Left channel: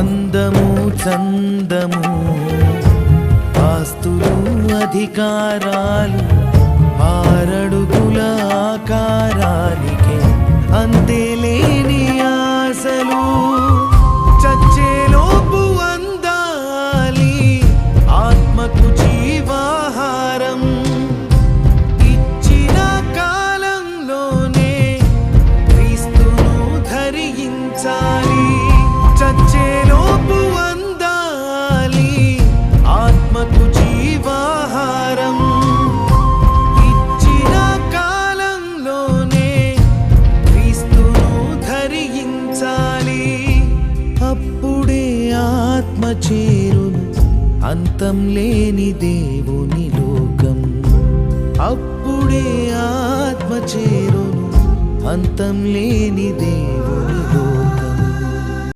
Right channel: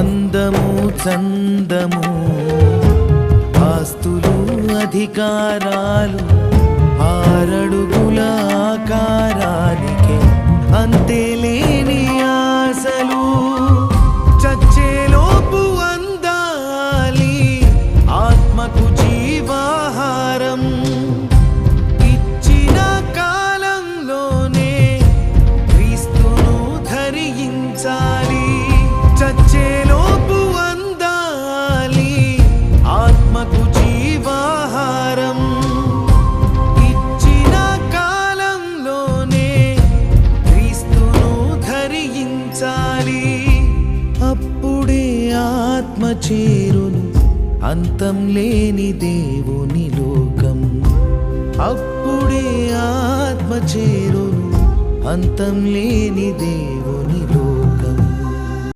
అందము చందము. ఆస్తులు అధికారాలు ఆరడుగుల ఆకారానికే అంతేలేని ఆశలు. చచ్చేలోపు అందాలి ఆత్మకు జీవాహారం. ఇచ్చిన కాలంలోనే క్రీస్తును ధరించాలి. వచ్చేలోపు అందాలి ఆత్మకు జీవాహారం. ఇచ్చిన కాలంలోనే క్రీస్తును ధరించాలి. అప్పుడే ఆత్మ చేరును అంతం లేని దేవుని లోకం. అప్పుడే ఆత్మ చేరును అంతం లేని దేవుని లోకం